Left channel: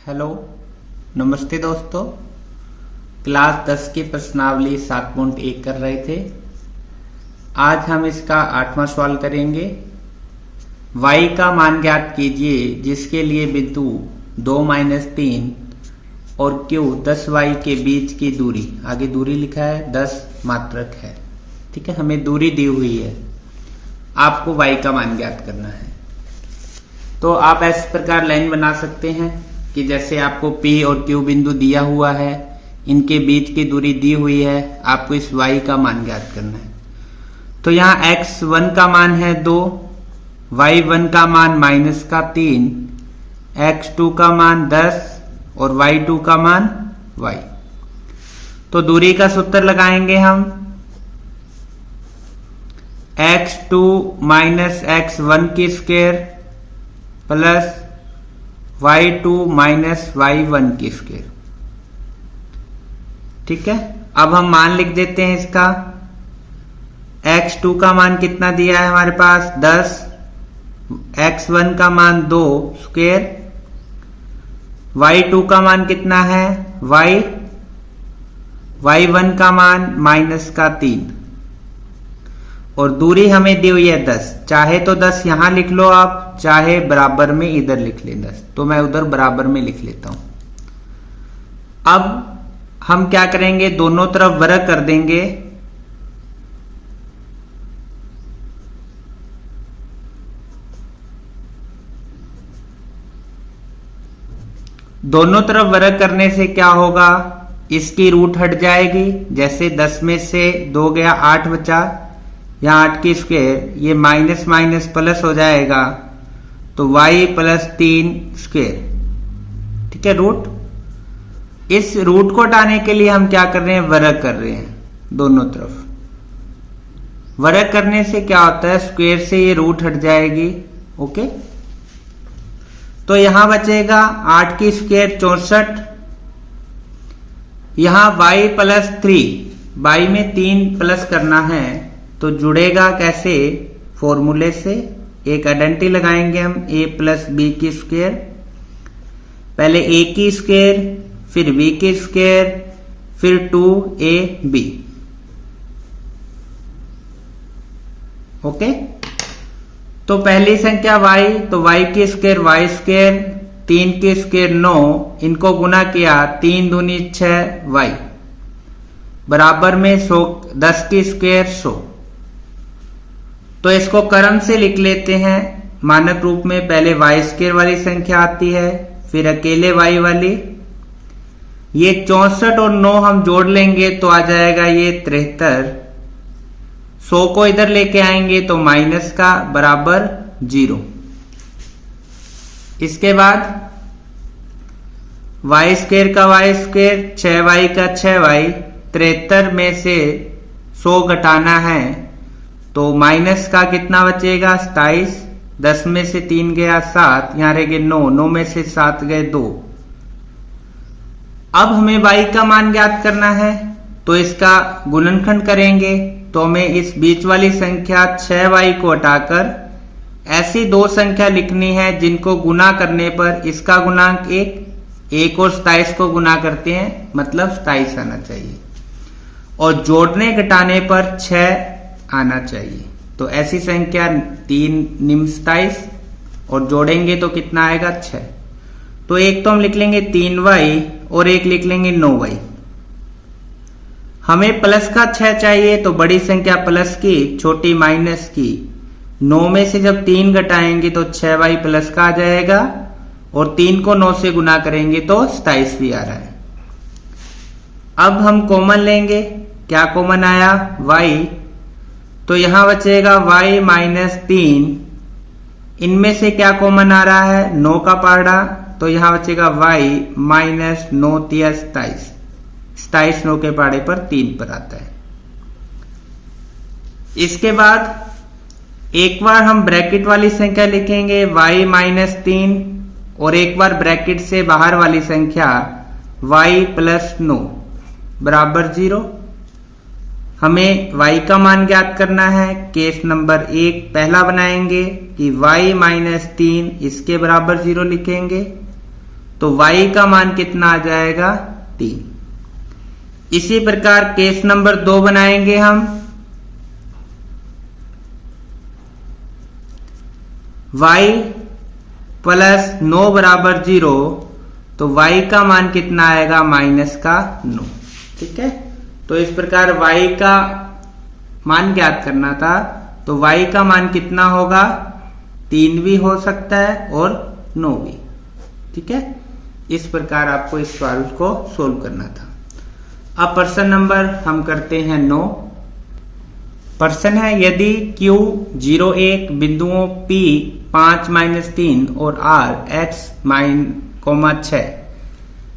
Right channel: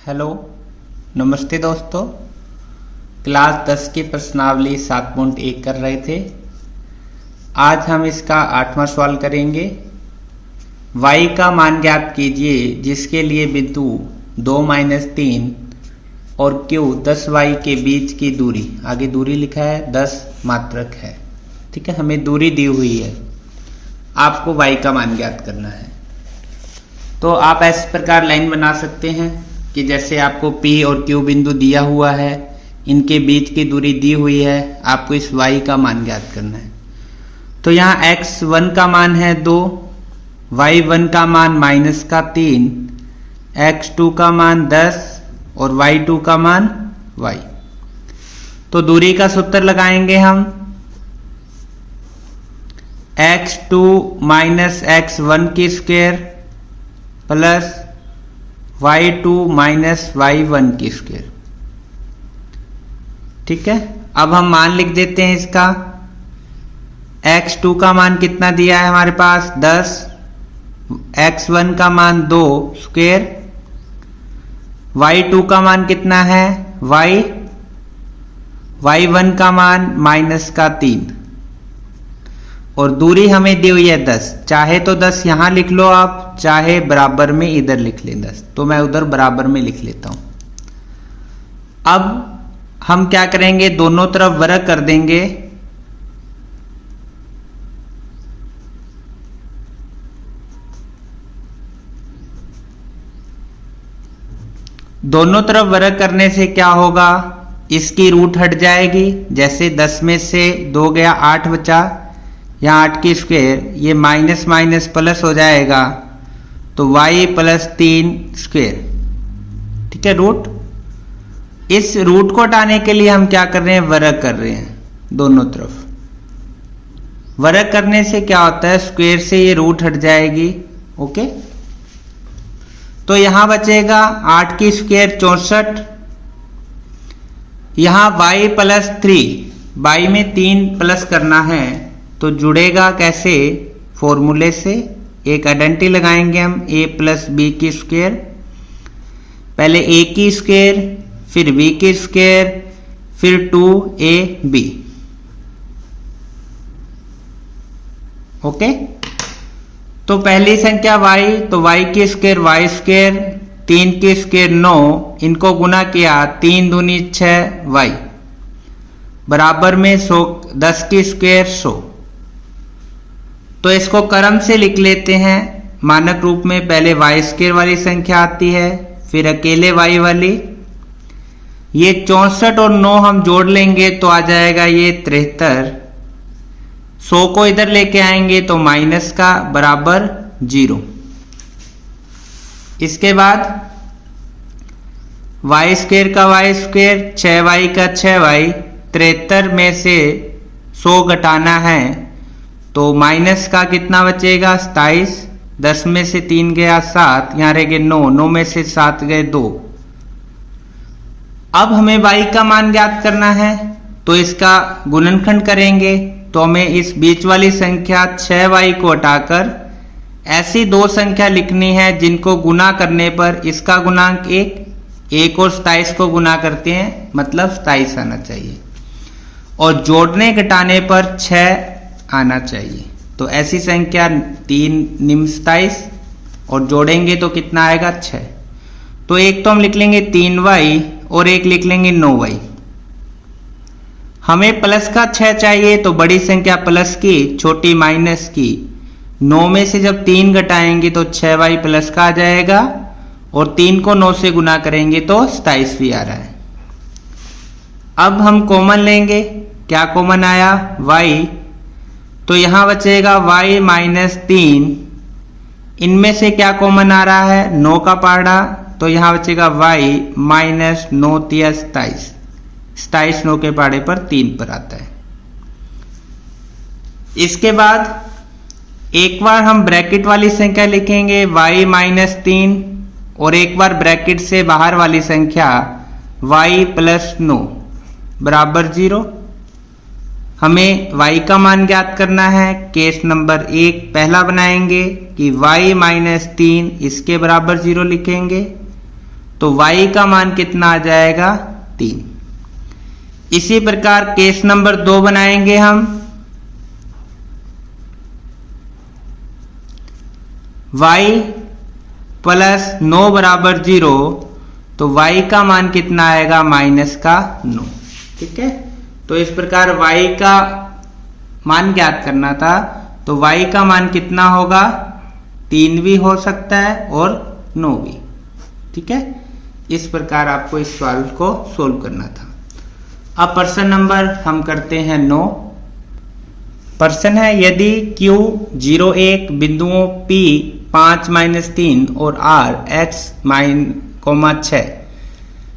Hello, नमस्ते दोस्तों। Class 10 की प्रश्नावली 7.1 कर रहे थे। आज हम इसका 8वां सवाल करेंगे। y का मान ज्ञात कीजिए जिसके लिए बिंदु 2-3 और q 10y के बीच की दूरी, आगे दूरी लिखा है 10 मात्रक है। ठीक है, हमें दूरी दी हुई है, आपको y का मान ज्ञात करना है। तो आप इस प्रकार लाइन बना सकते हैं कि जैसे आपको P और Q बिंदु दिया हुआ है, इनके बीच की दूरी दी हुई है, आपको इस y का मान ज्ञात करना है। तो यहाँ x1 का मान है 2, y1 का मान -3, x2 का मान 10 और y2 का मान y। तो दूरी का सूत्र लगाएंगे हम, x2 - x1 की स्क्वायर प्लस y2 - y1 की स्क्वायर। ठीक है, अब हम मान लिख देते हैं इसका। x2 का मान कितना दिया है हमारे पास 10, x1 का मान 2 स्क्वायर, y2 का मान कितना है y1 का मान -3 और दूरी हमें दी हुई है 10। चाहे तो 10 यहां लिख लो आप, चाहे बराबर में इधर लिख लें 10, तो मैं उधर बराबर में लिख लेता हूं। अब हम क्या करेंगे, दोनों तरफ वर्ग कर देंगे। दोनों तरफ वर्ग करने से क्या होगा, इसकी रूट हट जाएगी। जैसे 10 में से 2 गया, 8 बचा, यहाँ 8 की स्क्वायर, ये माइनस माइनस प्लस हो जाएगा, तो y + 3 स्क्वायर। ठीक है, रूट। इस रूट को हटाने के लिए हम क्या कर रहे हैं, वर्ग कर रहे हैं दोनों तरफ। वर्ग करने से क्या होता है, स्क्वायर से ये रूट हट जाएगी। ओके, तो यहां बचेगा 8 की स्क्वायर 64, यहां y + 3, y में 3 प्लस करना है, तो जुड़ेगा कैसे, फॉर्मूले से। एक आइडेंटिटी लगाएंगे हम, a + b की स्क्वायर, पहले a की स्क्वायर, फिर b की स्क्वायर, फिर 2ab। ओके, तो पहली संख्या y, तो y की स्क्वायर y², 3 की स्क्वायर 9, इनको गुना किया 3 दूनी 6 y बराबर में 100, 10 की स्क्वायर 100। तो इसको क्रम से लिख लेते हैं मानक रूप में। पहले y² वाली संख्या आती है, फिर अकेले y वाली। ये 64 और 9 हम जोड़ लेंगे तो आ जाएगा ये 73। 100 को इधर लेके आएंगे तो माइनस का बराबर 0। इसके बाद y² का y², 6y का 6y, 73 में से 100 घटाना है तो माइनस का कितना बचेगा 27, 10 में से 3 गया 7, यहां रह गए 9, 9 में से 7 गए 2। अब हमें y का मान ज्ञात करना है, तो इसका गुणनखंड करेंगे। तो हमें इस बीच वाली संख्या 6y को हटाकर ऐसी दो संख्या लिखनी है जिनको गुना करने पर इसका गुणांक 1 और 27 को गुना करते हैं, मतलब 27 आना चाहिए, और जोड़ने घटाने पर 6 आना चाहिए। तो ऐसी संख्या 3 निम्न 27 और जोड़ेंगे तो कितना आएगा 6। तो एक तो हम लिख लेंगे 3y और एक लिख लेंगे 9y। हमें प्लस का 6 चाहिए, तो बड़ी संख्या प्लस की, छोटी माइनस की। 9 में से जब 3 घटाएंगे तो 6y प्लस का आ जाएगा, और 3 को 9 से गुना करेंगे तो 27 भी आ रहा है। अब हम कॉमन लेंगे, क्या कॉमन आया y, तो यहां बचेगा y - 3। इनमें से क्या कॉमन आ रहा है, 9 का पहाड़ा, तो यहां बचेगा y - 9 × 27। 27 9 के पहाड़े पर 3 पर आता है। इसके बाद एक बार हम ब्रैकेट वाली संख्या लिखेंगे y - 3, और एक बार ब्रैकेट से बाहर वाली संख्या y + 9 बराबर 0। हमें y का मान ज्ञात करना है। केस नंबर 1 पहला बनाएंगे कि y - 3 इसके बराबर 0 लिखेंगे। तो y का मान कितना आ जाएगा 3। इसी प्रकार केस नंबर 2 बनाएंगे हम। y प्लस 9 बराबर 0, तो y का मान कितना आएगा माइनस का 9। ठीक है, तो इस प्रकार y का मान ज्ञात करना था, तो y का मान कितना होगा 3 भी हो सकता है और 9 भी। ठीक है, इस प्रकार आपको इस सवाल को सोल्व करना था। अब प्रश्न नंबर हम करते हैं 9। प्रश्न है यदि Q 0 1 बिंदुओं P 5 -3 और R x 6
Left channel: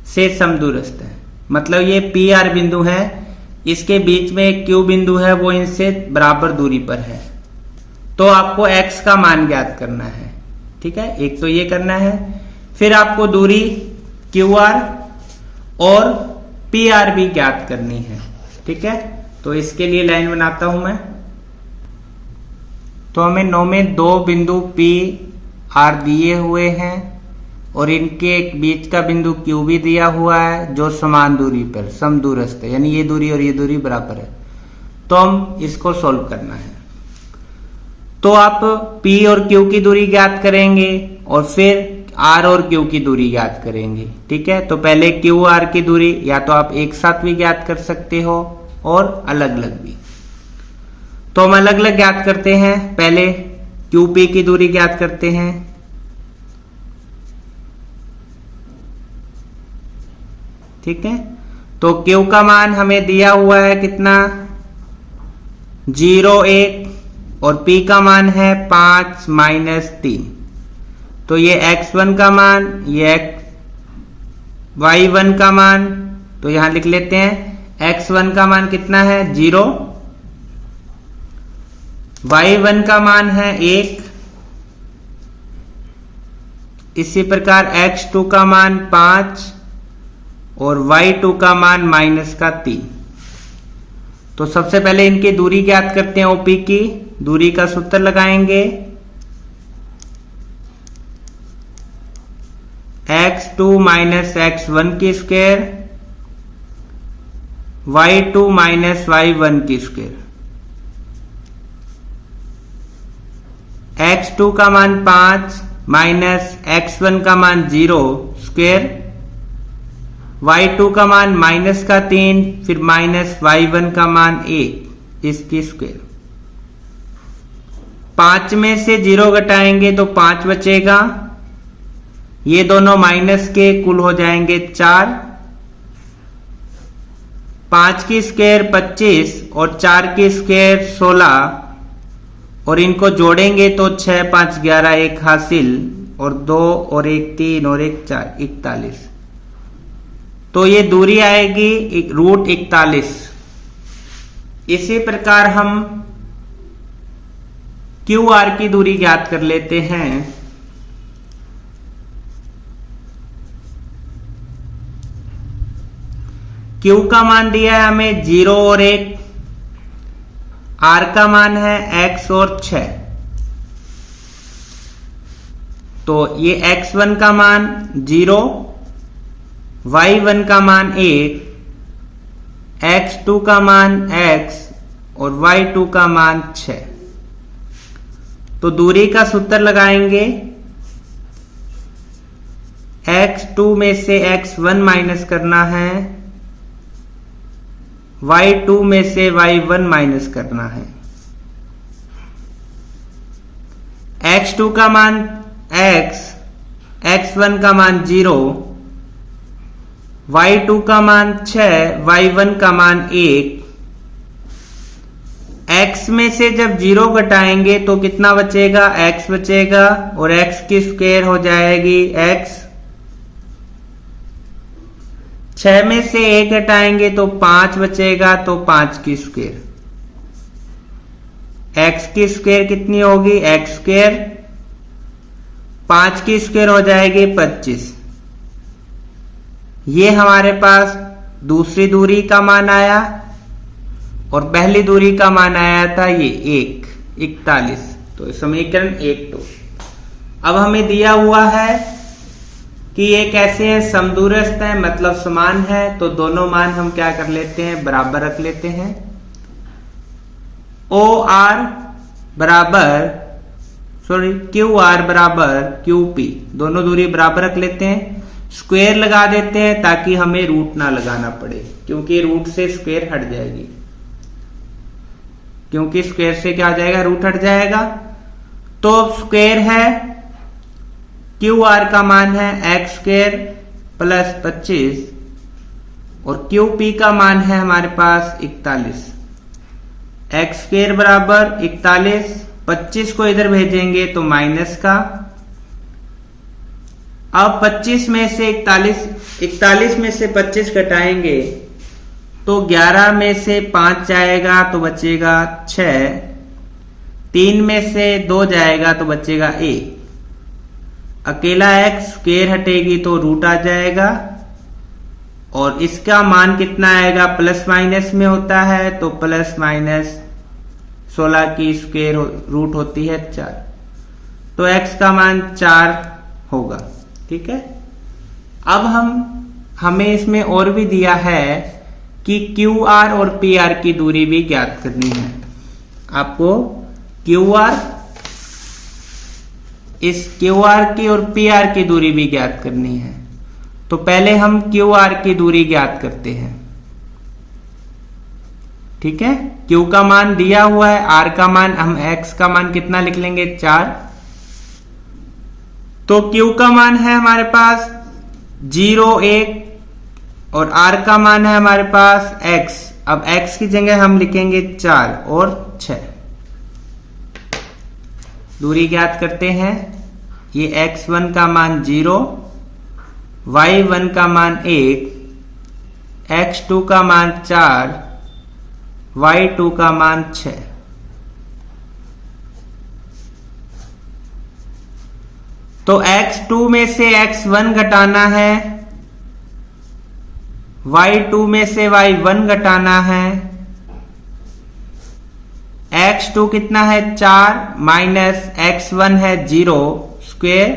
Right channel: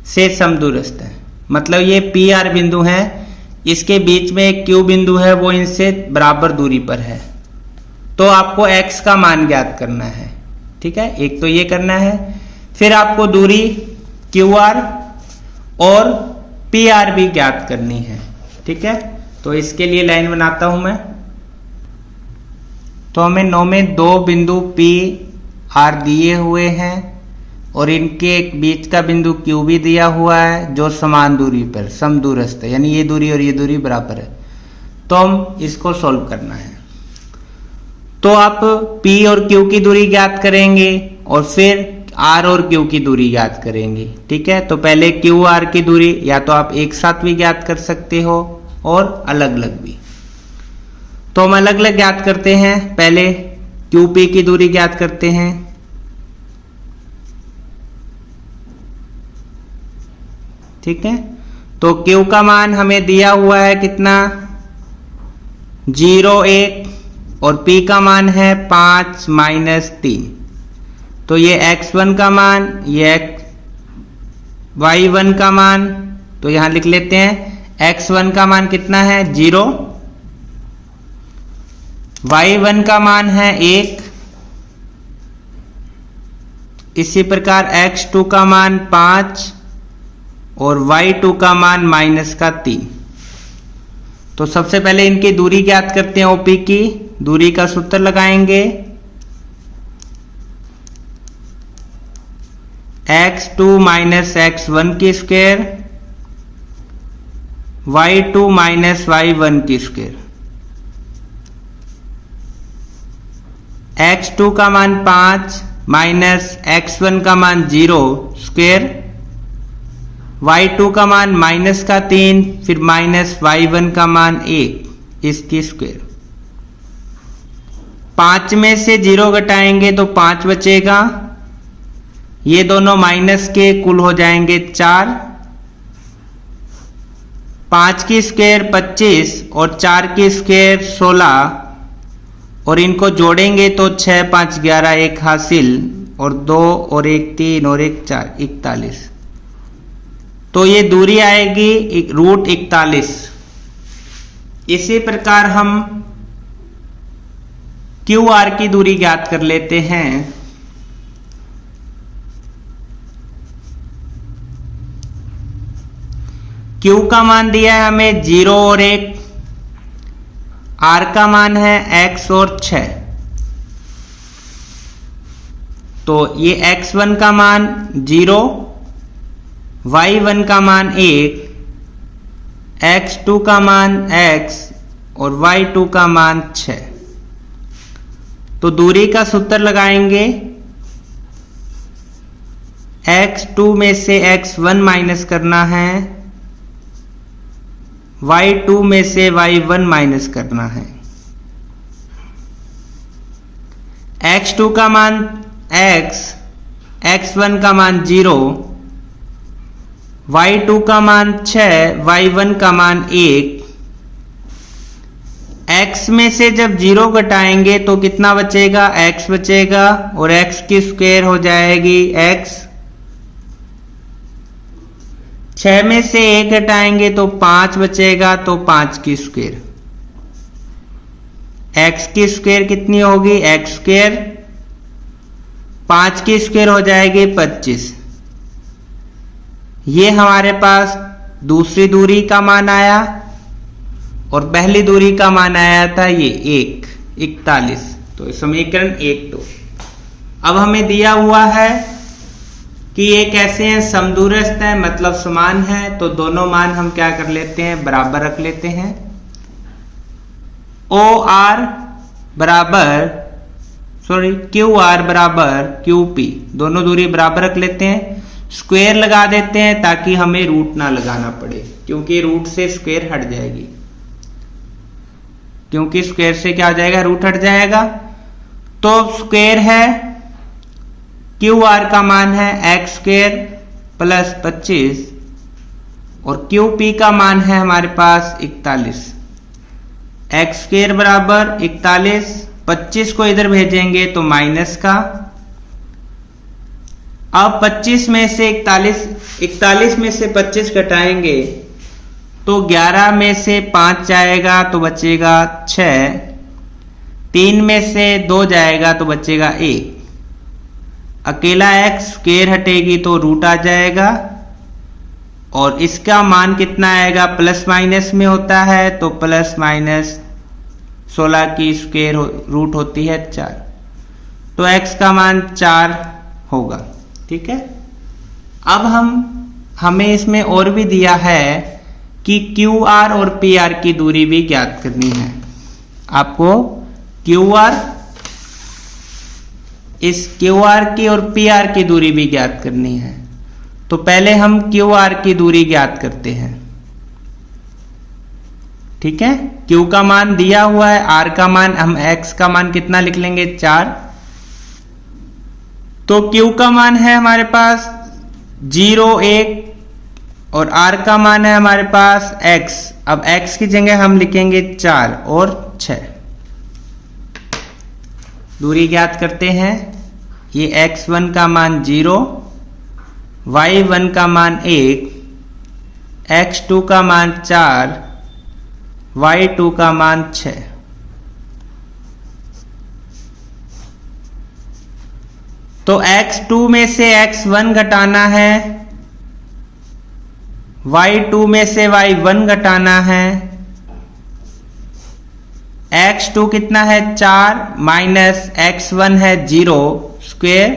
से समदूरस्थ है। मतलब ये P R बिंदु है, इसके बीच में एक Q बिंदु है, वो इनसे बराबर दूरी पर है। तो आपको x का मान ज्ञात करना है। ठीक है, एक तो ये करना है, फिर आपको दूरी QR और PR भी ज्ञात करनी है। ठीक है, तो इसके लिए लाइन बनाता हूं मैं। तो हमें 9 में 2 बिंदु P R दिए हुए हैं और इनके एक बीच का बिंदु Q भी दिया हुआ है जो समान दूरी पर समदूरस्थ है, यानी ये दूरी और ये दूरी बराबर है। तो हम इसको सोल्व करना है। तो आप P और Q की दूरी ज्ञात करेंगे और फिर R और Q की दूरी ज्ञात करेंगे। ठीक है, तो पहले Q R की दूरी या तो आप एक साथ भी ज्ञात कर सकते हो और अलग अलग भी। तो हम अलग अलग ज्ञात करते हैं। पहले QP की दूरी ज्ञात करते हैं। ठीक है, तो Q का मान हमें दिया हुआ है कितना 0 1 और P का मान है 5 -3। तो ये x1 का मान, ये y1 का मान, तो यहां लिख लेते हैं x1 का मान कितना है 0, y1 का मान है 1, इसी प्रकार x2 का मान 5 और y2 का मान -3। तो सबसे पहले इनकी दूरी ज्ञात करते हैं। OP की दूरी का सूत्र लगाएंगे x2 - x1 की स्क्वायर y2 - y1 की स्क्वायर। x2 का मान 5 माइनस x1 का मान 0 स्क्वायर, y2 का मान -3, फिर माइनस y1 का मान 1 इसकी स्क्वायर। 5 में से 0 घटाएंगे तो 5 बचेगा, ये दोनों माइनस के कुल हो जाएंगे 4। 5 की स्क्वायर 25 और 4 की स्क्वायर 16 और इनको जोड़ेंगे तो 6 5 11 1 हासिल और 2 और 1 3 और 1 4 41। तो ये दूरी आएगी √41। इसी प्रकार हम QR की दूरी ज्ञात कर लेते हैं। Q का मान दिया है हमें 0 और 1, R का मान है x और 6। तो ये x1 का मान 0, y1 का मान 1, x2 का मान x और y2 का मान 6। तो दूरी का सूत्र लगाएंगे। x2 में से x1 माइनस करना है, y2 में से y1 माइनस करना है। x2 का मान x, x1 का मान 0, y2 का मान 6, y1 का मान 1। x में से जब 0 घटाएंगे तो कितना बचेगा, x बचेगा और x की स्क्वायर हो जाएगी x। 6 में से 1 घटाएंगे तो 5 बचेगा, तो 5 की स्क्वायर। x की स्क्वायर कितनी होगी, x स्क्वायर। 5 की स्क्वायर हो जाएगी 25। ये हमारे पास दूसरी दूरी का मान आया और पहली दूरी का मान आया था ये 41। तो समीकरण 1 2। अब हमें दिया हुआ है कि ये कैसे है, समदूरस्थ है मतलब समान है, तो दोनों मान हम क्या कर लेते हैं, बराबर रख लेते हैं। OR बराबर QR बराबर QP, दोनों दूरी बराबर रख लेते हैं। स्क्वायर लगा देते हैं ताकि हमें रूट ना लगाना पड़े, क्योंकि रूट से स्क्वायर हट जाएगी, क्योंकि स्क्वायर से क्या हो जाएगा, रूट हट जाएगा। तो स्क्वायर है, QR का मान है x स्क्वायर प्लस 25 और QP का मान है हमारे पास 41। x स्क्वायर बराबर 41, 25 को इधर भेजेंगे तो माइनस का। अब 25 में से 41 में से 25 घटाएंगे तो 11 में से 5 जाएगा तो बचेगा 6, 3 में से 2 जाएगा तो बचेगा 1। अकेला x स्क्वायर हटेगी तो रूट आ जाएगा और इसका मान कितना आएगा, प्लस माइनस में होता है तो प्लस माइनस 16 की स्क्वायर रूट होती है 4, तो x का मान 4 होगा। ठीक है। अब हमें इसमें और भी दिया है कि QR और PR की दूरी भी ज्ञात करनी है। आपको इस QR की और PR की दूरी भी ज्ञात करनी है। तो पहले हम QR की दूरी ज्ञात करते हैं। ठीक है, Q का मान दिया हुआ है, R का मान, हम X का मान कितना लिख लेंगे, 4। तो Q का मान है हमारे पास 0, 1 और R का मान है हमारे पास X। अब X की जगह हम लिखेंगे 4 और 6। दूरी ज्ञात करते हैं। ये x1 का मान 0, y1 का मान 1, x2 का मान 4, y2 का मान 6। तो x2 में से x1 घटाना है, y2 में से y1 घटाना है। x2 कितना है, 4 माइनस x1 है 0 स्क्वायर,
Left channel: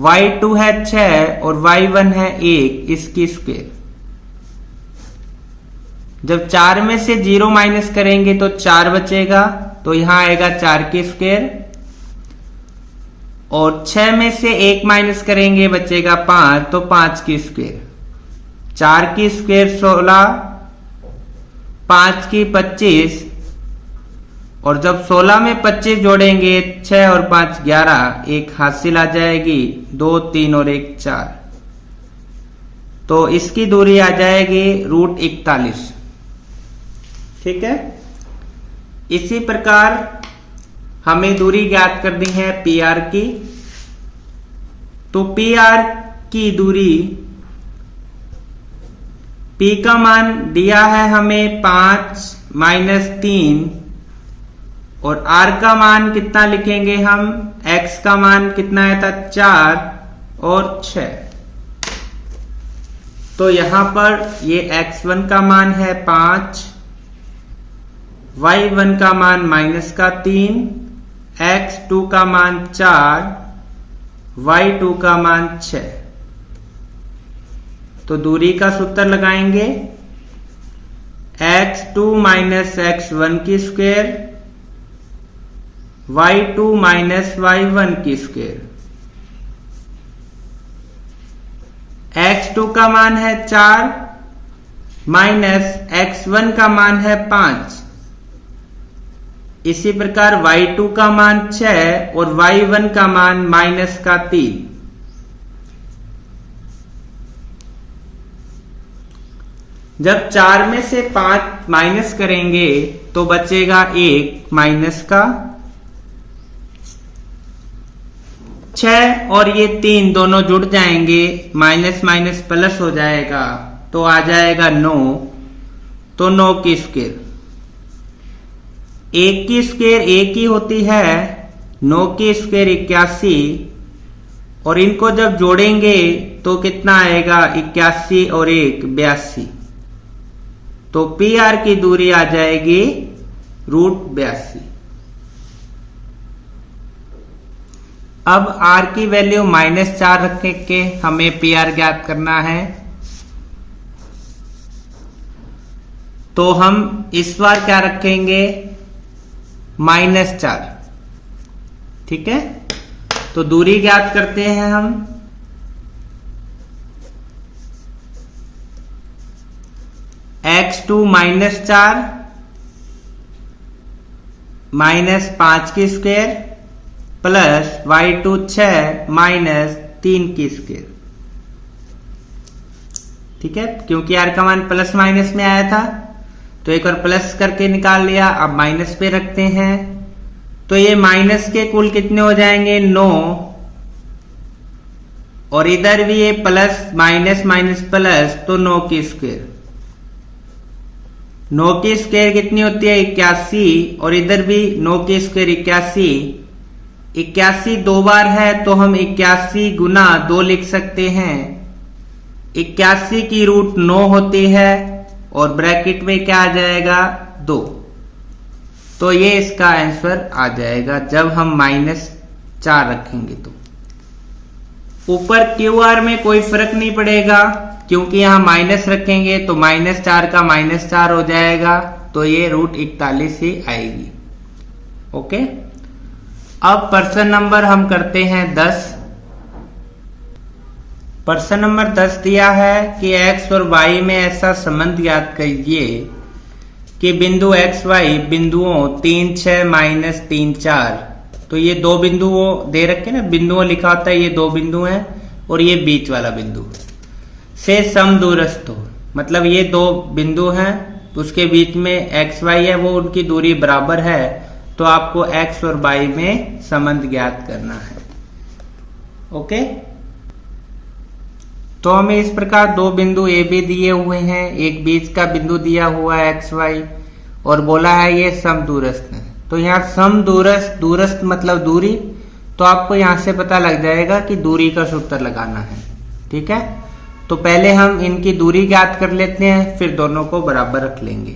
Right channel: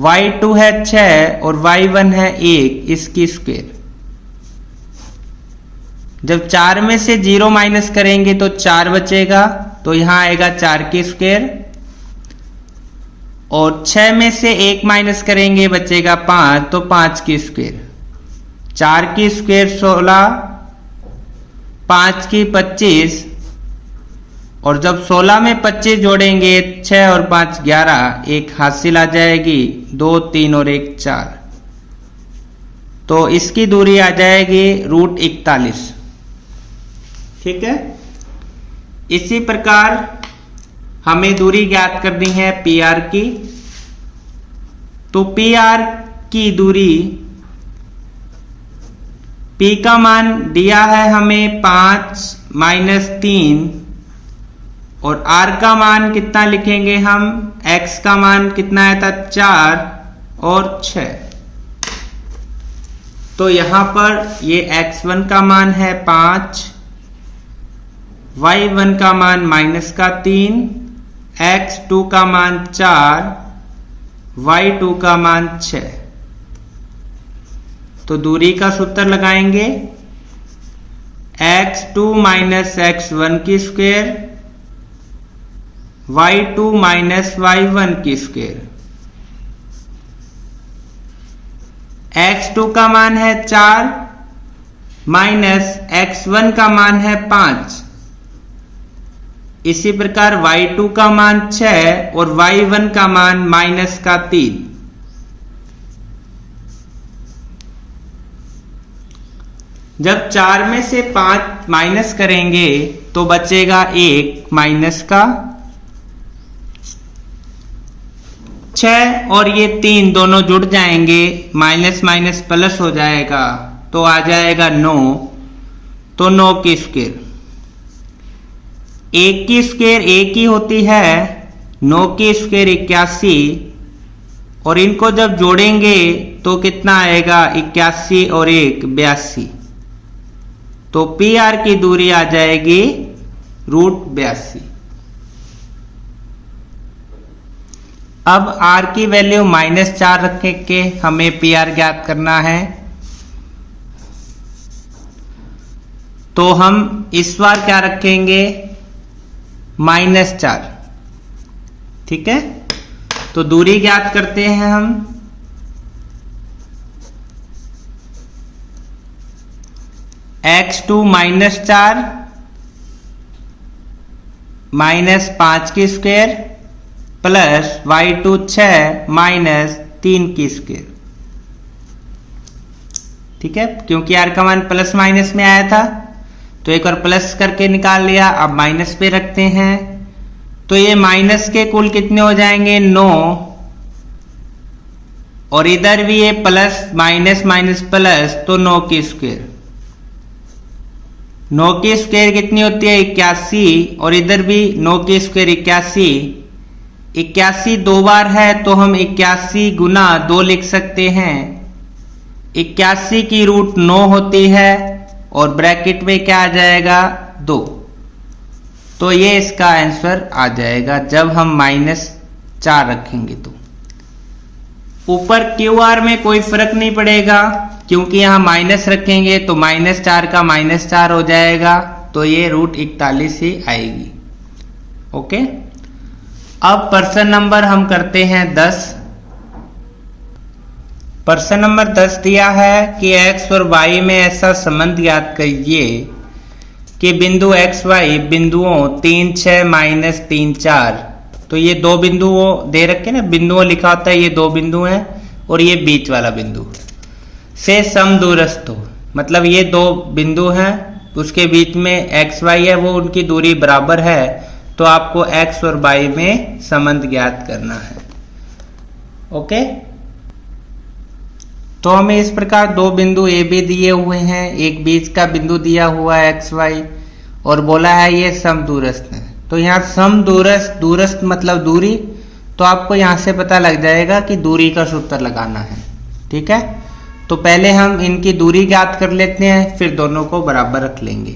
y2 है 6 और y1 है 1, इसकी स्क्वायर। जब 4 में से 0 माइनस करेंगे तो 4 बचेगा, तो यहां आएगा 4 की स्क्वायर। और 6 में से 1 माइनस करेंगे बचेगा 5, तो 5 की स्क्वायर। 4 की स्क्वायर 16, 5 की 25 और जब 16 में 25 जोड़ेंगे 6 और 5 11, एक हासिल आ जाएगी, 2 3 और 1 4। तो इसकी दूरी आ जाएगी √41। ठीक है। इसी प्रकार हमें दूरी ज्ञात करनी है PR की। तो PR की दूरी, P का मान दिया है हमें 5 माइनस 3 और R का मान कितना लिखेंगे हम, X का मान कितना आया था 4 और 6। तो यहां पर ये x1 का मान है 5, y1 का मान माइनस का 3, x2 का मान 4, y2 का मान 6। तो दूरी का सूत्र लगाएंगे, x2 माइनस x1 की स्क्वायर, y2 माइनस y1 की स्क्वायर। x2 का मान है 4 माइनस x1 का मान है 5। इसी प्रकार y2 का मान 6 और y1 का मान माइनस का 3। जब 4 में से 5 माइनस करेंगे तो बचेगा 1 माइनस का 6 और ये 3 दोनों जुड़ जाएंगे, माइनस माइनस प्लस हो जाएगा तो आ जाएगा 9। तो 9 की स्क्वायर, 1 की स्क्वायर 1 ही होती है, 9 की स्क्वायर 81 और इनको जब जोड़ेंगे तो कितना आएगा, 81 और 1 82। तो PR की दूरी आ जाएगी √82। अब r की वैल्यू -4 रख के हमें PR ज्ञात करना है। तो हम इस बार क्या रखेंगे, -4। ठीक है, तो दूरी ज्ञात करते हैं हम। x2 -4 -5 की स्क्वायर प्लस y2 6 -3 की स्क्वायर। ठीक है, क्योंकि r का मान प्लस माइनस में आया था तो एक बार प्लस करके निकाल लिया, अब माइनस पे रखते हैं। तो ये माइनस के कुल कितने हो जाएंगे, 9, और इधर भी ये प्लस माइनस माइनस प्लस, तो 9 की स्क्वायर। 9 की स्क्वायर कितनी होती है, 81, और इधर भी 9 की स्क्वायर 81। 81 दो बार है तो हम 81 गुना 2 लिख सकते हैं। 81 की रूट 9 होती है और ब्रैकेट में क्या आ जाएगा, 2। तो ये इसका आंसर आ जाएगा जब हम -4 रखेंगे। तो ऊपर QR में कोई फर्क नहीं पड़ेगा क्योंकि यहां माइनस रखेंगे तो -4 का -4 हो जाएगा, तो ये √41 ही आएगी। ओके, अब प्रश्न नंबर हम करते हैं 10। प्रश्न नंबर 10 दिया है कि x और y में ऐसा संबंध ज्ञात कीजिए कि बिंदु x y बिंदुओं 3 6 -3 4, तो ये दो बिंदु वो दे रखे ना, बिंदुओं लिखा होता है, ये दो बिंदु हैं और ये बीच वाला बिंदु से समदूरस्थ हो। मतलब ये दो बिंदु हैं, उसके बीच में x y है, वो उनकी दूरी बराबर है। तो आपको x और y में संबंध ज्ञात करना है। ओके, तो हमें इस प्रकार दो बिंदु ए बी दिए हुए हैं, एक बीच का बिंदु दिया हुआ है एक्स वाई, और बोला है ये समदूरस्थ है। तो यहाँ समदूरस्थ, दूरस्थ मतलब दूरी, तो आपको यहाँ से पता लग जाएगा कि दूरी का सूत्र लगाना है। ठीक है, तो पहले हम इनकी दूरी ज्ञात कर लेते हैं, फिर दोनों को बराबर रख लेंगे।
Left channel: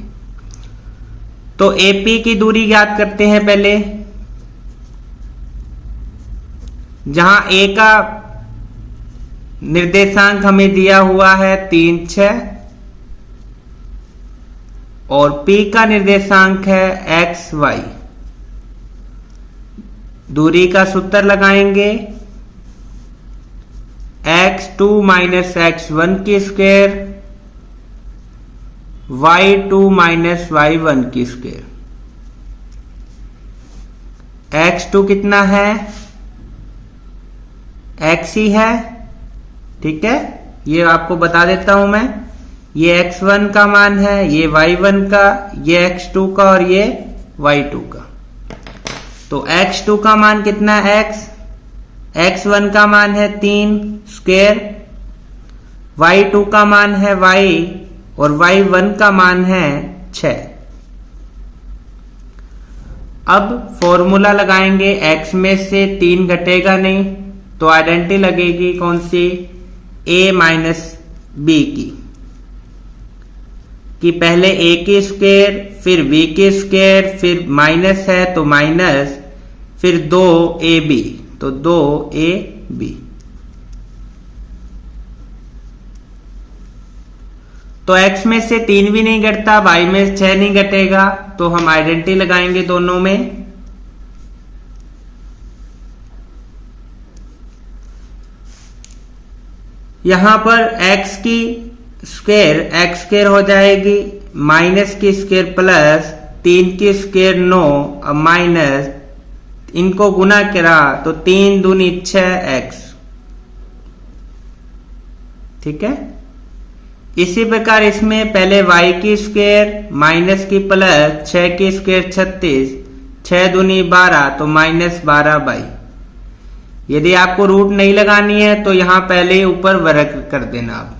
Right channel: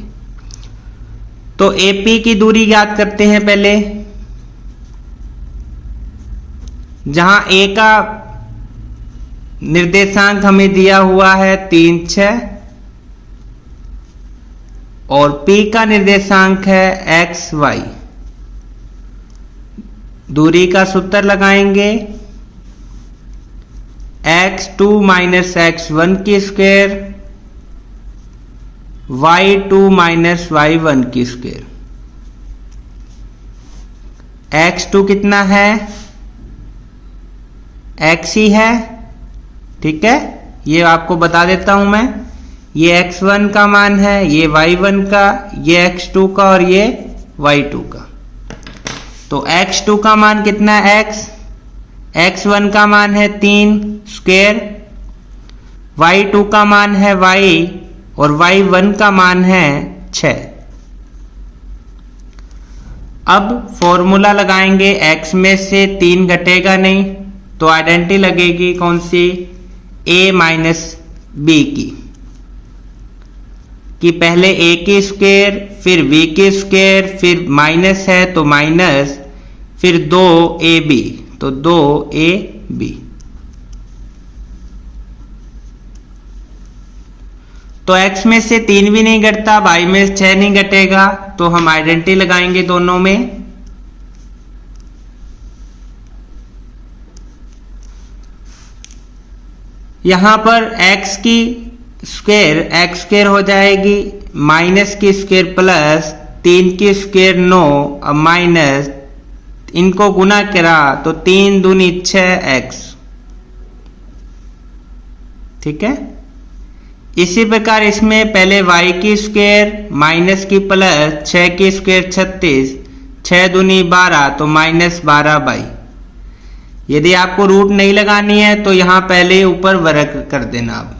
तो AP की दूरी ज्ञात करते हैं पहले। जहां A का निर्देशांक हमें दिया हुआ है 3 6 और P का निर्देशांक है x y। दूरी का सूत्र लगाएंगे, x2 - x1 की स्क्वायर y2 - y1 की स्क्वायर। x2 कितना है, x ही है। ठीक है, ये आपको बता देता हूं मैं, ये x1 का मान है, ये y1 का, ये x2 का और ये y2 का। तो x2 का मान कितना है, x1 का मान है 3 स्क्वायर, y2 का मान है y और y1 का मान है 6। अब फॉर्मूला लगाएंगे, x में से 3 घटेगा नहीं तो आइडेंटिटी लगेगी कौन सी, a - b की, कि पहले a की स्क्वायर फिर b की स्क्वायर फिर माइनस है तो माइनस, फिर 2ab तो 2ab। तो x में से 3 भी नहीं घटता, y में 6 नहीं घटेगा, तो हम आइडेंटिटी लगाएंगे दोनों में। यहां पर x की स्क्वायर x स्क्वायर हो जाएगी, माइनस की स्क्वायर प्लस 3 की स्क्वायर 9, अब माइनस, इनको गुना करा तो 3 दूनी 6x। ठीक है, इसी प्रकार इसमें पहले y की स्क्वायर माइनस की प्लस 6 की स्क्वायर 36, 6 दूनी 12 तो -12/। यदि आपको रूट नहीं लगानी है तो यहां पहले ऊपर वर्ग कर देना आप,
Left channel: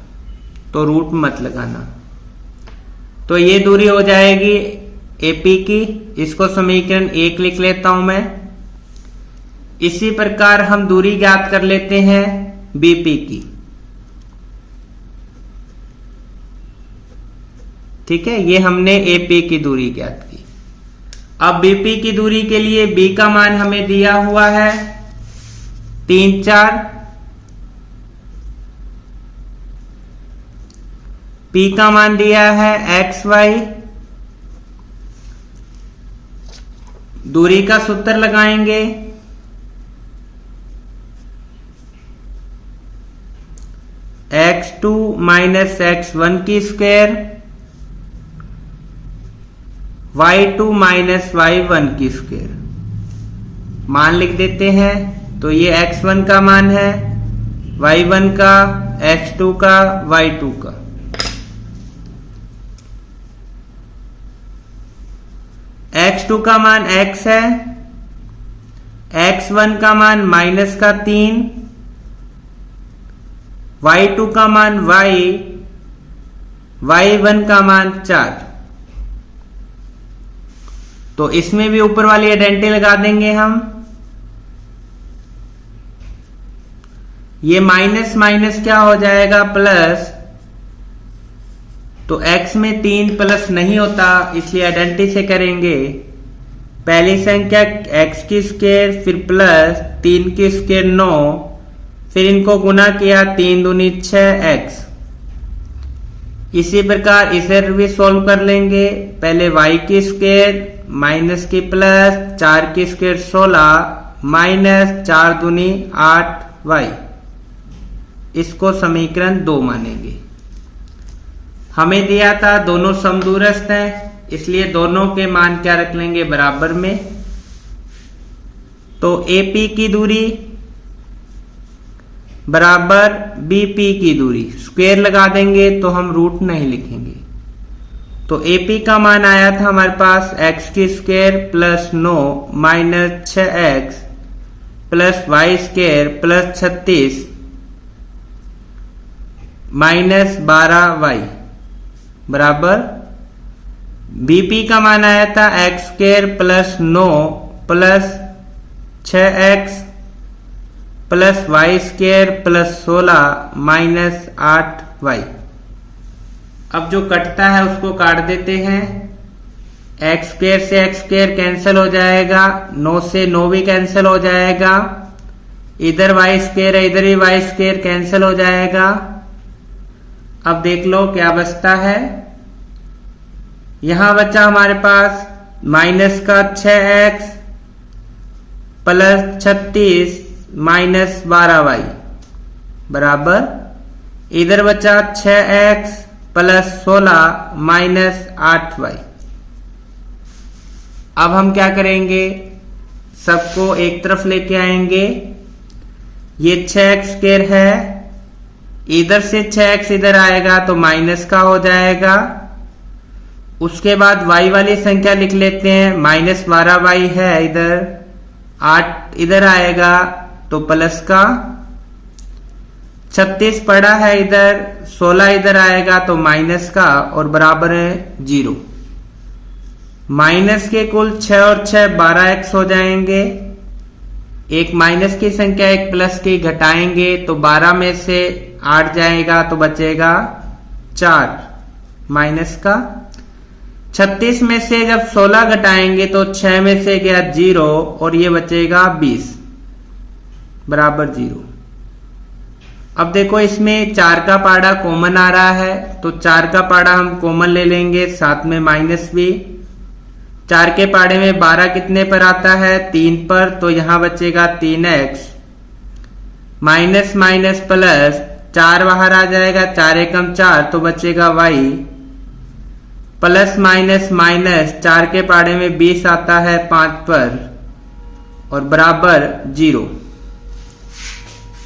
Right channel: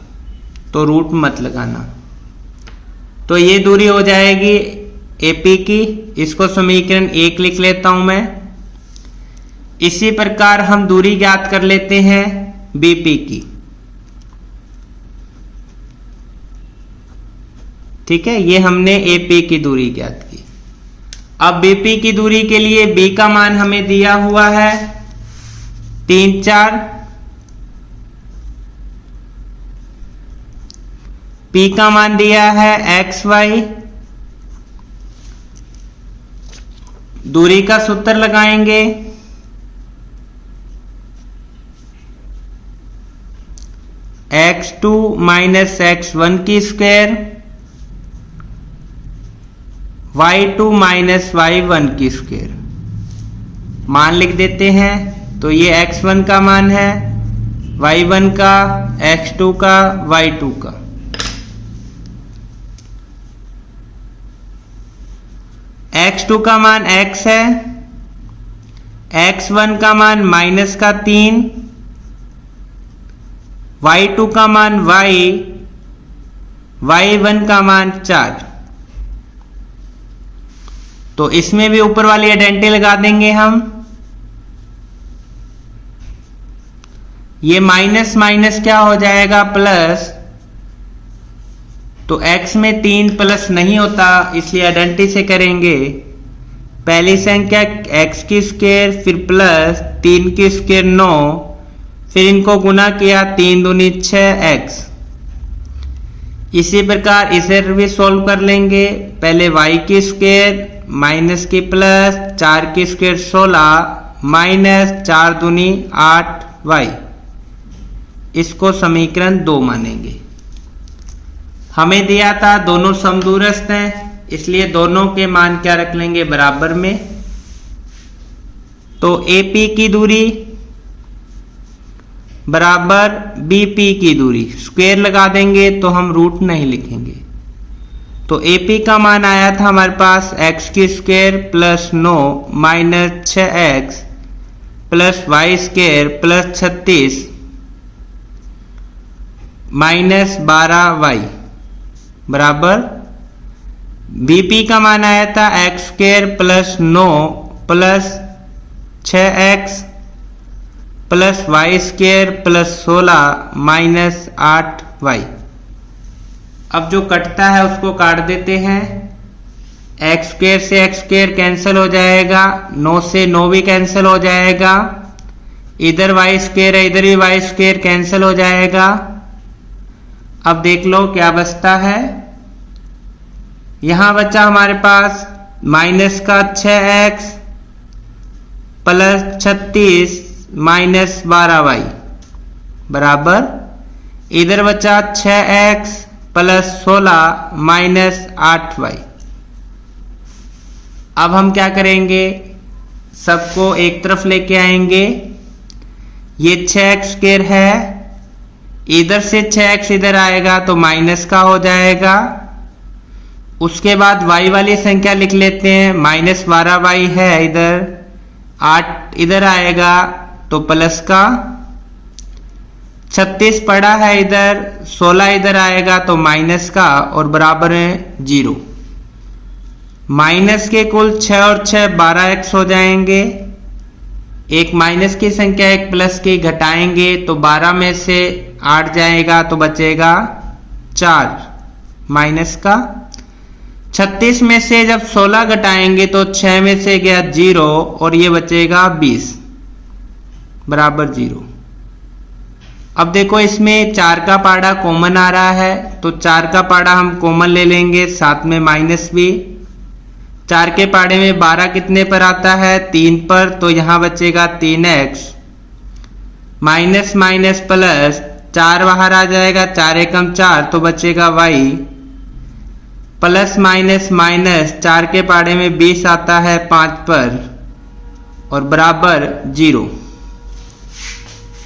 तो रूट मत लगाना। तो ये दूरी हो जाएगी AP की, इसको समीकरण 1 लिख लेता हूं मैं। इसी प्रकार हम दूरी ज्ञात कर लेते हैं BP की। ठीक है, ये हमने AP की दूरी ज्ञात की। अब BP की दूरी के लिए B का मान हमें दिया हुआ है 3 4 P का मान दिया है XY, दूरी का सूत्र लगाएंगे। x2 माइनस x1 की स्क्वायर, y2 माइनस y1 की स्क्वायर। मान लिख देते हैं। तो ये x1 का मान है, y1 का, x2 का, y2 का। x2 का मान x है, x1 का मान माइनस का 3, y2 का मान y, y1 का मान 4। तो इसमें भी ऊपर वाली आइडेंटिटी लगा देंगे हम। ये माइनस माइनस क्या हो जाएगा, प्लस। तो x में 3 प्लस नहीं होता, इसलिए आइडेंटिटी से करेंगे। पहली संख्या x की स्क्वायर, फिर प्लस 3 की स्क्वायर 9, फिर इनको गुना किया, 3 दूनी 6x। इसी प्रकार इसे भी सॉल्व कर लेंगे। पहले y की स्क्वायर माइनस की प्लस 4 की स्क्वायर 16 माइनस 4 दूनी 8y। इसको समीकरण 2 मानेंगे। हमें दिया था दोनों समदूरस्थ हैं, इसलिए दोनों के मान क्या रख लेंगे, बराबर में। तो AP की दूरी बराबर BP की दूरी, स्क्वायर लगा देंगे तो हम रूट नहीं लिखेंगे। तो AP का मान आया था हमारे पास x की square plus 9 minus 6x plus y square plus 36 minus 12y बराबर BP का मान आया था x square plus 9 plus 6x plus y square plus 16 minus 8y। अब जो कटता है उसको काट देते हैं। एक्स स्क्वायर से एक्स स्क्वायर कैंसिल हो जाएगा, 9 से 9 भी कैंसिल हो जाएगा। इधर वाई स्क्वायर है, इधर भी वाई स्क्वायर कैंसिल हो जाएगा। अब देख लो क्या बचता है। यहां बचा हमारे पास माइनस का 6x प्लस 36 माइनस 12y बराबर, इधर बचा 6x प्लस 16 माइनस 8y। अब हम क्या करेंगे, सबको एक तरफ लेके आएंगे। ये 6x स्क्वायर है, इधर से 6x इधर आएगा तो माइनस का हो जाएगा। उसके बाद y वाली संख्या लिख लेते हैं, माइनस 12y है इधर, 8 इधर आएगा तो प्लस का, 36 पड़ा है इधर, 16 इधर आएगा तो माइनस का, और बराबर है 0। माइनस के कुल 6 और 6 12x हो जाएंगे। एक माइनस की संख्या एक प्लस की घटाएंगे तो 12 में से 8 जाएगा तो बचेगा 4 माइनस का। 36 में से जब 16 घटाएंगे तो 6 में से गया 0 और ये बचेगा 20 बराबर 0। अब देखो इसमें 4 का पाड़ा कॉमन आ रहा है, तो 4 का पाड़ा हम कॉमन ले लेंगे, साथ में माइनस भी। 4 के पाड़े में 12 कितने पर आता है, 3 पर, तो यहां बचेगा 3x माइनस माइनस प्लस 4 बाहर आ जाएगा, 4 एकम 4 तो बचेगा y प्लस माइनस माइनस 4 के पाड़े में 20 आता है 5 पर और बराबर 0।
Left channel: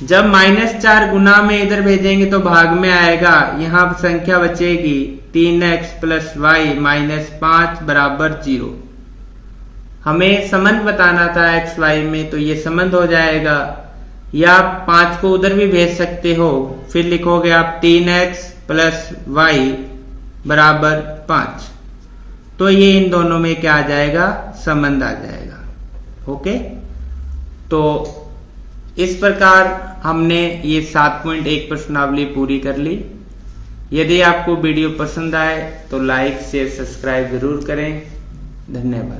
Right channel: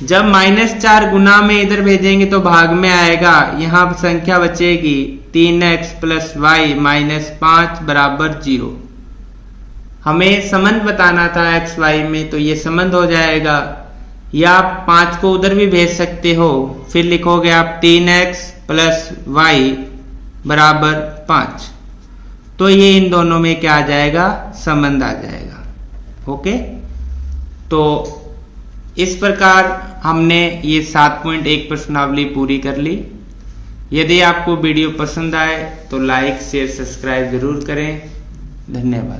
जब -4 गुना में इधर भेजेंगे तो भाग में आएगा, यहां संख्या बचेगी 3x प्लस वाई माइनस 5 बराबर 0। हमें संबंध बताना था x y में, तो ये संबंध हो जाएगा। या आप 5 को उधर भी भेज सकते हो, फिर लिखोगे आप 3x प्लस वाई बराबर 5, तो ये इन दोनों में क्या आ जाएगा, संबंध आ जाएगा। ओके, तो इस प्रकार हमने ये 7.1 प्रश्नावली पूरी कर ली। यदि आपको वीडियो पसंद आए तो लाइक शेयर सब्सक्राइब जरूर करें। धन्यवाद।